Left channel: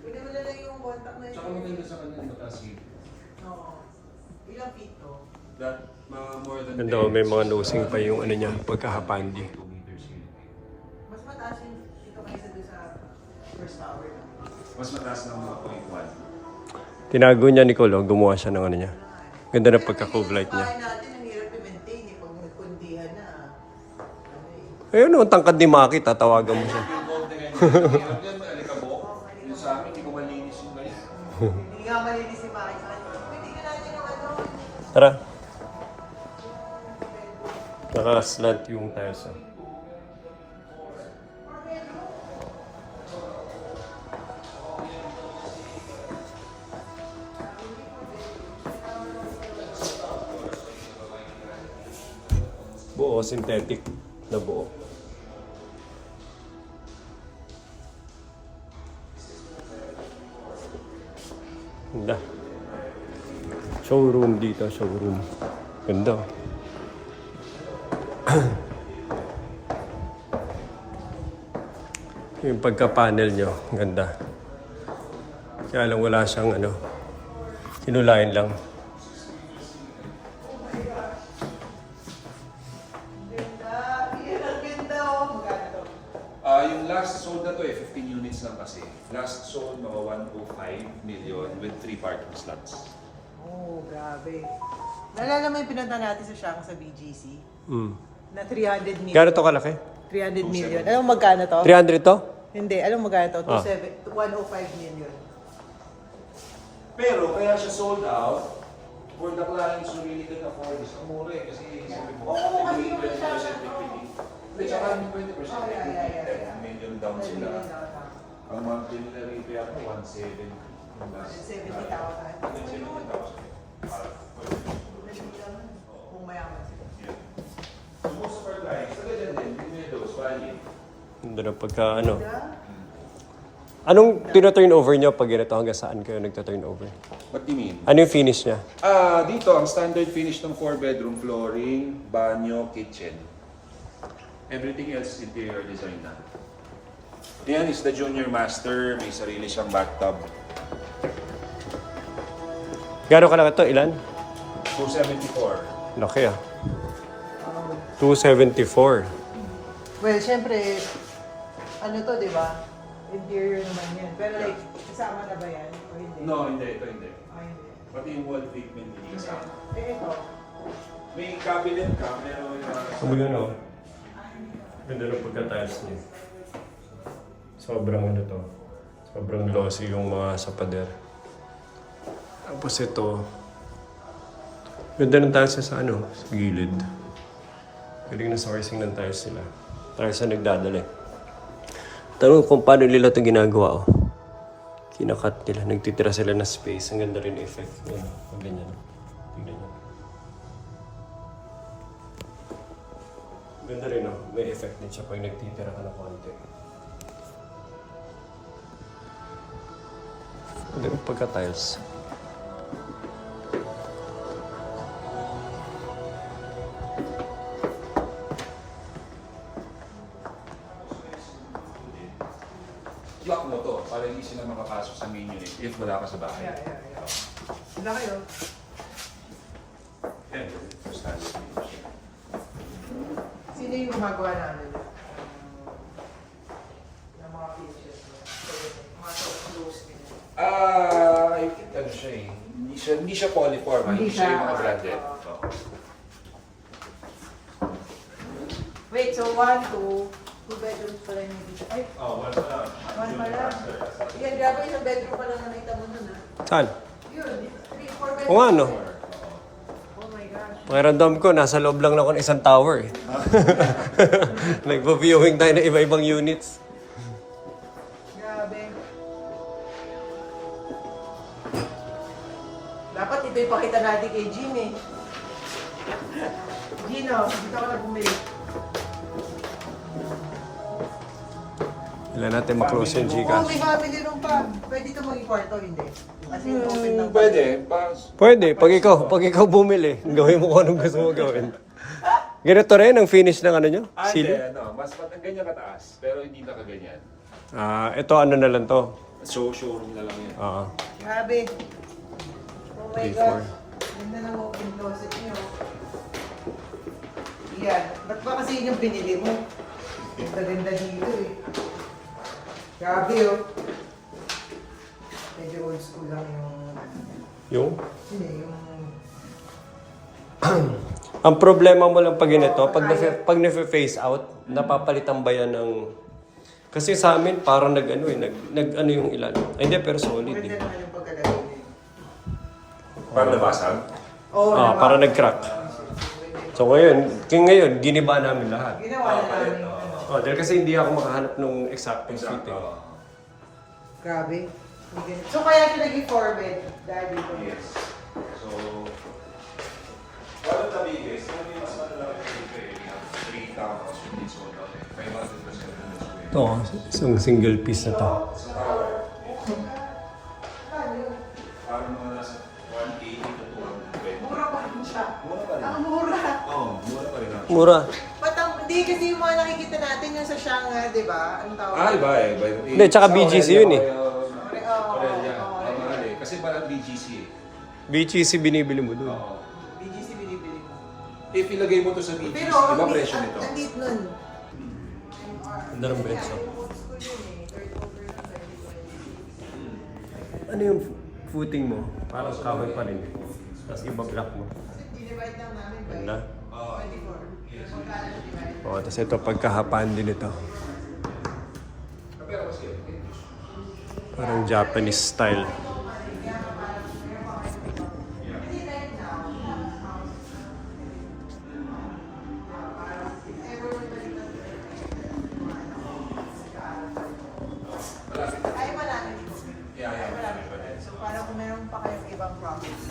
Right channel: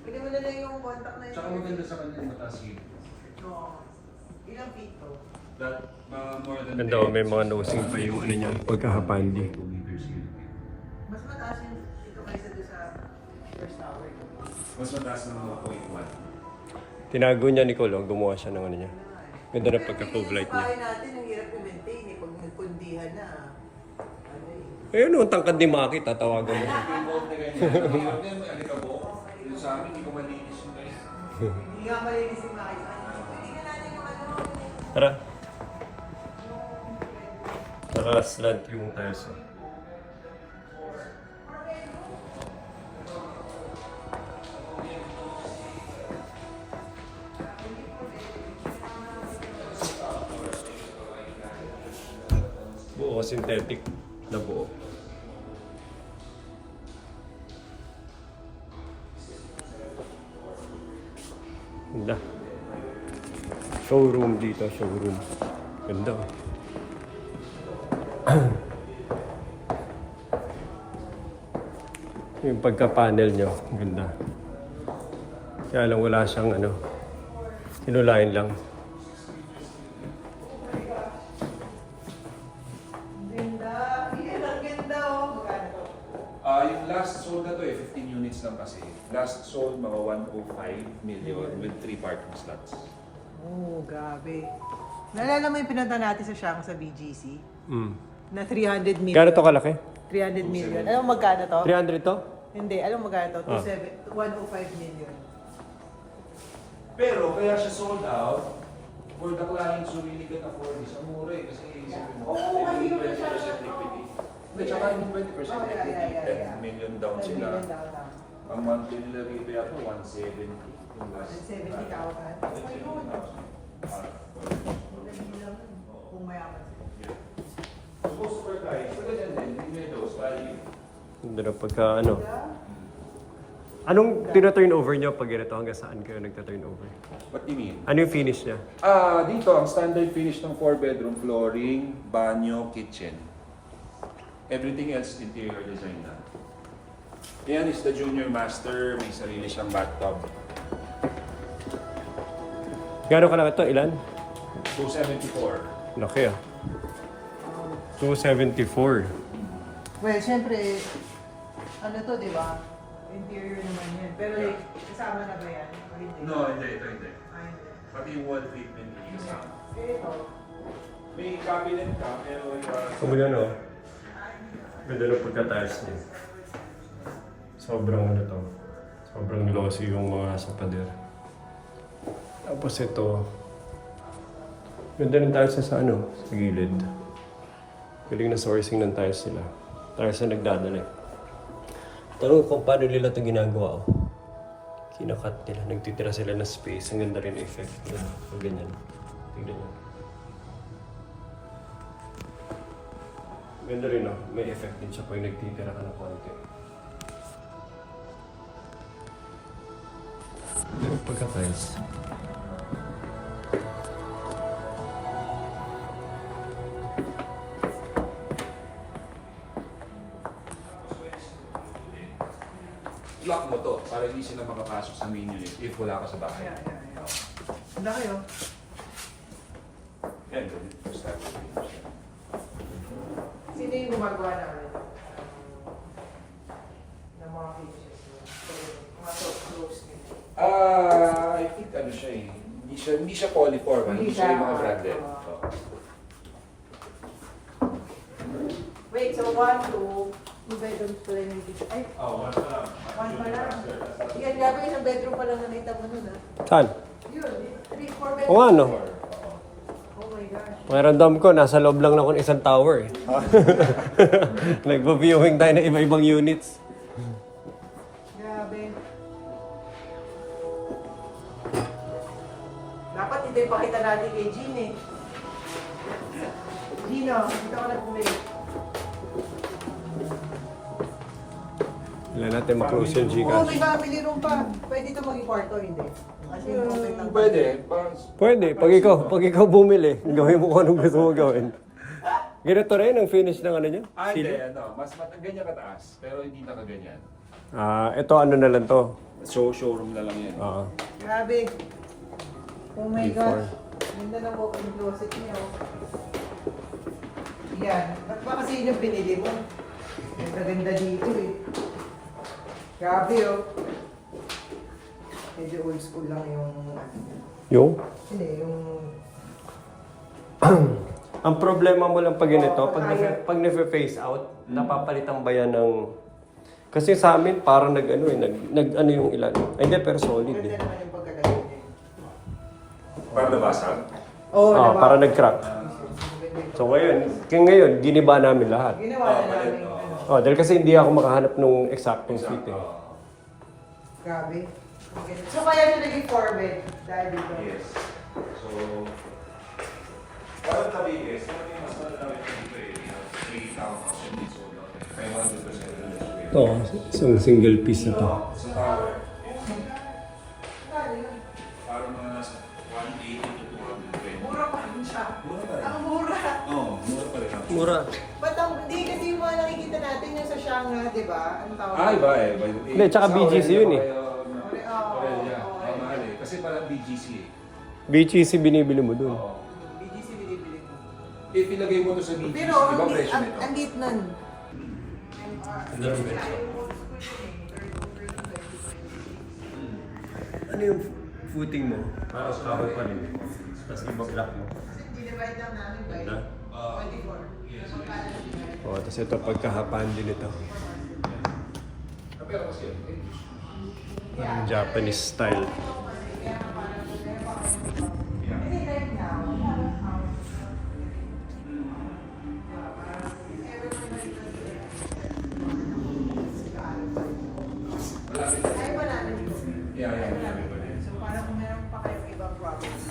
Hindi mo na lang yung contact na yun. Tsaka maganda sa kanya mataas yung Oo. Ilang pito? that more than Ganda, may mga nosing pa yung ano niya, pagkahapandi. 2 meters yun. Mas mataas yung ito kaysa doon sa first tower. No? Mas mataas ng 1.1. Tinago niya ni Colo, gumawa siya ng ano niya. Ganda na pagka-cove light niya. Bahay natin, ang hirap i-maintain eh. Pag nagkundihan na. Ano eh. Ayun, ang tangkad ni Maki, tatawagan mo siya. Yung gold na ganyan, hirap yan, alikabok. Yung sa amin, hindi ko malinis yung guys. Hindi nga malinis si Mike. Pwede ka natin ng ano. Tara. Naka-slant yung tires. Oh. Buo, synthetic na buo. Ganda. Showroom dito, showroom. Ganda. Oh. Yung pagka-panel nyo, ganda. Kaya lang wala siyang ano, hinulayan lang. Ganda. Yan ang ganda oh. Magkano to? Yung last sold na to 15 units lang kasi. Last sold mga 105 million with 3 parking slots. Oh, grabe. Naalala mo yung pinunta natin sa Shanghai sa BGC? Mm. Na 300 million. Gano'n to kalaki? 300 million. Alam mo magkano to? 300 to? Hindi, alam mo magkano to? Ah. 105 million. Pero kaya siya sold out for the clients who really can afford this. Ang mura eh, kasi isipin mo, Oo, kasi 20% equity. Hindi, tsaka yung 20% equity, 10 million down sila. Ang monthly nila rito yata 170. Yung last. 170,000. Ayun. 170,000. Kung mayaman sila. So most of our clients, ganyan din, hindi those value. Ganda na pagka ano. Anong tina-turn over nyo pag ganito? Hanggang saan kayo nagta-turn over? What do you mean? Ano yung finish niya? Dito, ang standard finish ng 4-bedroom, flooring, banyo, kitchen. Everything else, interior design na. Yan is the junior master, may sarili siyang bathtub. Gano'n kalaki to? Ilan? 274. Laki ah. 274. Well, syempre, ano to, di ba? Interior naman yan. Pero like, kasama na ba yan? O hindi? No, hindi, ito hindi. Ay, hindi. Pati yung wall treatment hindi kasama. Eh, ito. May cabinet ka, may Sabi nga no? Ganda na pagka-tiles niya. Sobrang ano to. Sobrang glossy yung mga sapader. Tapos ito. Ganda ng tiles sa ano? Sa gilid. Galing na sourcing ng tiles nila. Tiles na nagdadala. Tanong kung paano nila ito ginagawa. Oh. Kinakat nila. Nagtitira sila ng space. Ang ganda rin effect. Yan. Ang ganyan. Tingnan nyo. Ganda rin, no? May effect din siya pag nagtitira ka ng konti. Ganda rin pagka-tiles. lock mo to para hindi sila makapasok sa main unit if wala ka sa bahay. Ang laki yun. Yan, first time. Sino yung gumagawa na ano yun? Ng mga finishes? Mga close finishes. I think ano siya eh. Hindi siya polyform. Hindi siya yung mga branded. Oo. Wait, so 1, 2 bedrooms pala yung dito. Ay, One pa lang. 1 pa lang. Yan, grabe, isang bedroom pa lang na may tabo nun, ha? Saan? Yun, 3, 4 bedrooms. O nga, no? Oh my gosh. Pakiramdam ko, nasa loob lang ako ng isang tower eh. Nagpo-viewing tayo ng iba-ibang units. Grabe. Dapat ito yung pakita natin kay Gino eh. Gino, dito ako na bumili. Kailan natin maklose yung Oh, Gcash. may family room pa. Pwede ito maging kwarto, hindi? As in, open lang. Pwede. Pwede, pag ikaw bumili, gawin mo kung anong gusto mo gawin. Ganito rin ang finish ng ano nyo? Hindi, Sili? ano, mas ganyan kataas, pero hindi na kaganyan. Ito ano na lang to. So, showroom na lang yan. Grabe. Oh my 3, 4. God. Ganda ng walk-in closet niyo. Yan. Ba't ba kasi yun yung pinili mo? Ganda-ganda dito eh. Grabe oh. Medyo old school lang yung... Yung? Yun eh, yung... Ang problema mo lang pag ganito, pag na-face out, napapalitan ba yan ng... Kasi sa amin, parang nag-ano yung ilan. Ay, hindi, pero solid Ganda eh. naman yung pagkagawin eh. Para nabasag? Oo, Parang nag-crack. So ngayon, giniba namin lahat. Ginawa na namin ano. Dahil kasi hindi ako makahanap ng exactong fitting. Grabe. Okay. So kaya nyo naging 4-bed dahil dito? Yes. So, wala tabi guys. Ano yung mas malalaki dito eh? 3 counts and it's all okay. 500% Ito, isang single piece na to. Sa tower. Parang mga nasa 180 to 220. Mura pa rin siya. Mura pa rin. Ang mura. Oo, mura pa rin. Mura. Ba't hindi kasi yung mga nakikita natin yung sa Shanghai, di ba? Anong tawag? Iba eh. Hindi, tsaka BGC yun eh. Mahal eh. Kasi parang BGC eh. BGC binibili mo dun. BGC binibili ko. If ilagay mo to sa BGC, Pero iba presyo nito? ang deep nun. Ang darang presyo. Ano yung footing mo? Parang kahoy pa rin. Tapos ibag-lock mo. Kasi dinivide lang namin by Ganda. 24. Tapos ito pagkahapaan din ito. Parang Japanese style. Ay, marami dito. Yeah. So, parang kung meron pa kayong ibang properties,